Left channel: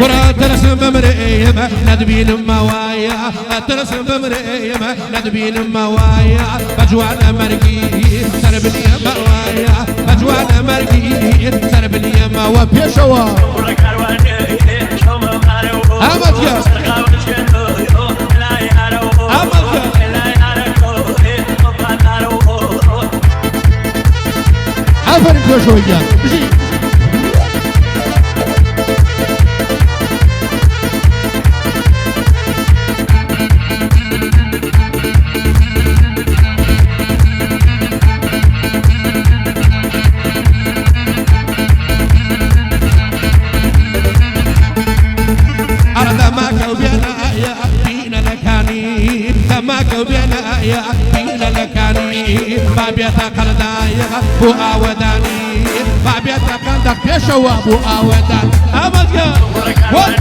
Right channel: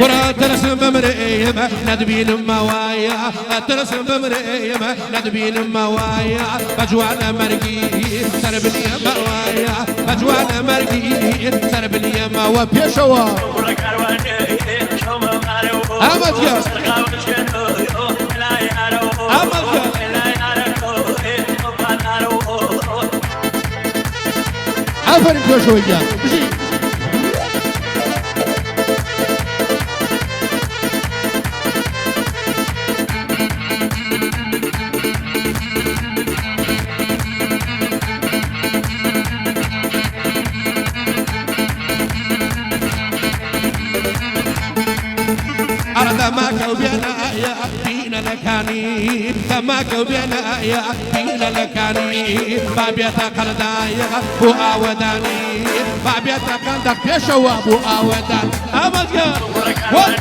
ورا ترسم بمريمة ندبين موايا ترسم بمريمة ندبين موايا بجوانا مرقي سربني موايا بجوانا مرقي سربني موايا بيشوا أمد يا أمد يا عفرك بيشوا بينا يا بينا لكاني بابيتا قردايا بو اوداني بابيتا قندك بيشوا بو اودان امد يا وي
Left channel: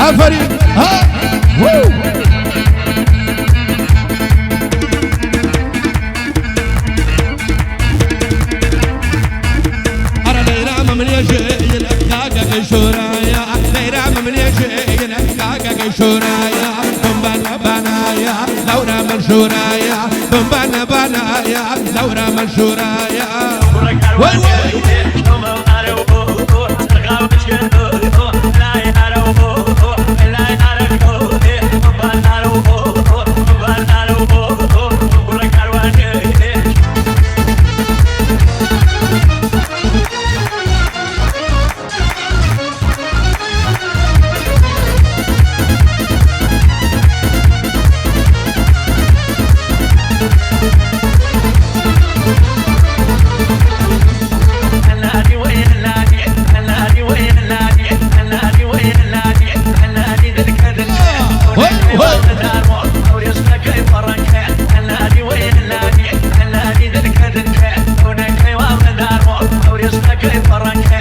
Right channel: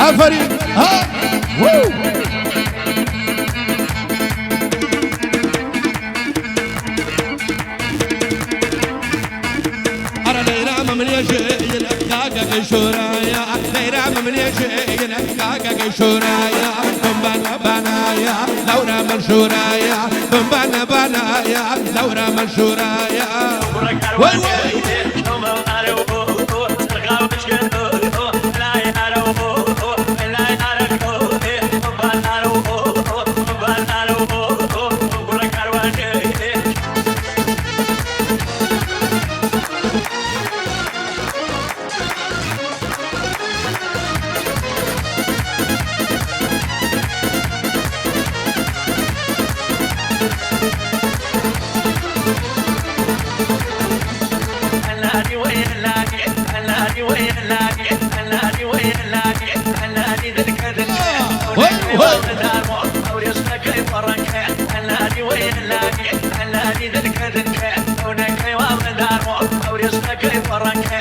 عفريت ها وو أنا ديرام من يجي الأكاكا شورايا ديرام من يجي الأكاكا شورايا بمبانا بنايا لورا من شورايا بمبانا بنايا لورا من شورايا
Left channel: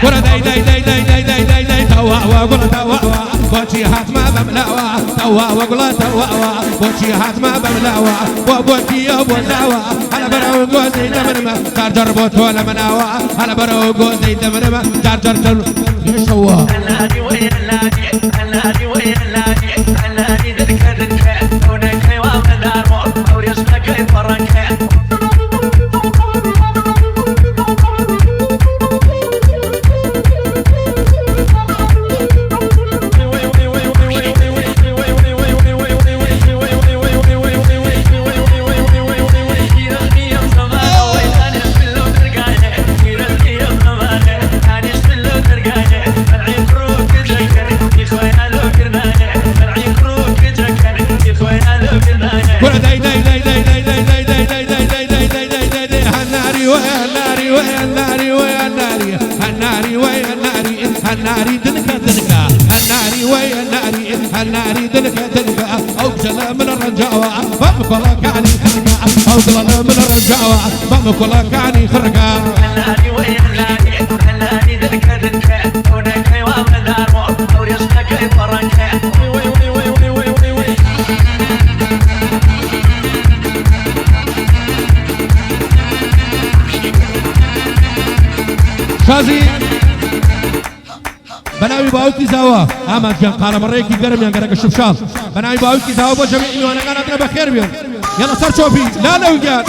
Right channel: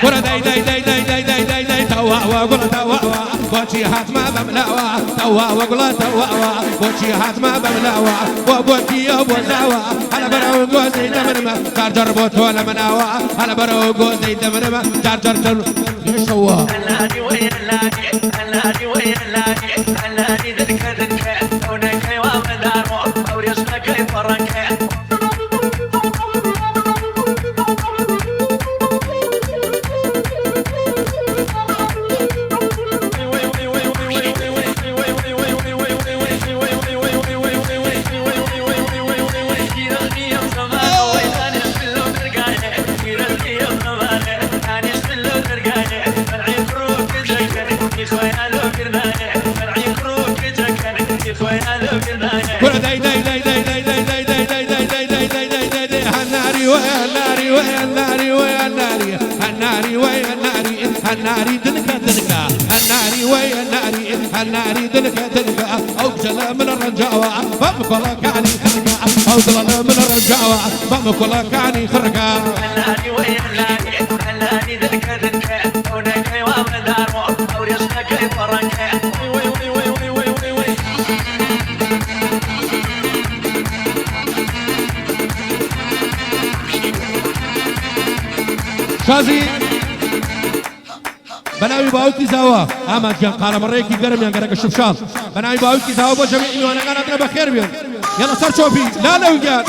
ورا داي داي داي داي داي داي داي داي توا وقول توا بوشي هات ما بملاوا توا وقول توا بوشي هات ما بملاوا وبوشي يا بولاوا على برو جوزي دمرما جارجر بوت ولا مناوا على برو جوزي دمرما جارجر يشوا الهادي وين الهادي وين الهادي ذلك هناك ومدار ورزقك فرنك الناري دنكا دنكا الناري ويا الناري الناري دنكا دنكا اوصل من الرجاوة بمكلا كاني خرقا اوصل من الرجاوة بمكلا كاني خرقا الناري ويا الناري الناري دنكا دنكا هناك ومدار ورزقك فرنكا شازي بناوي باوتي زاوا اما كان قال مريكي قرم يا قرق الشبشاب بناوي باوتي زاوا بجميع وانا قناتنا بخير بيهم يلا صار شوفي لا لا وقال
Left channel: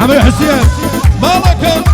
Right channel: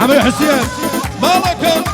عمي حسين مالك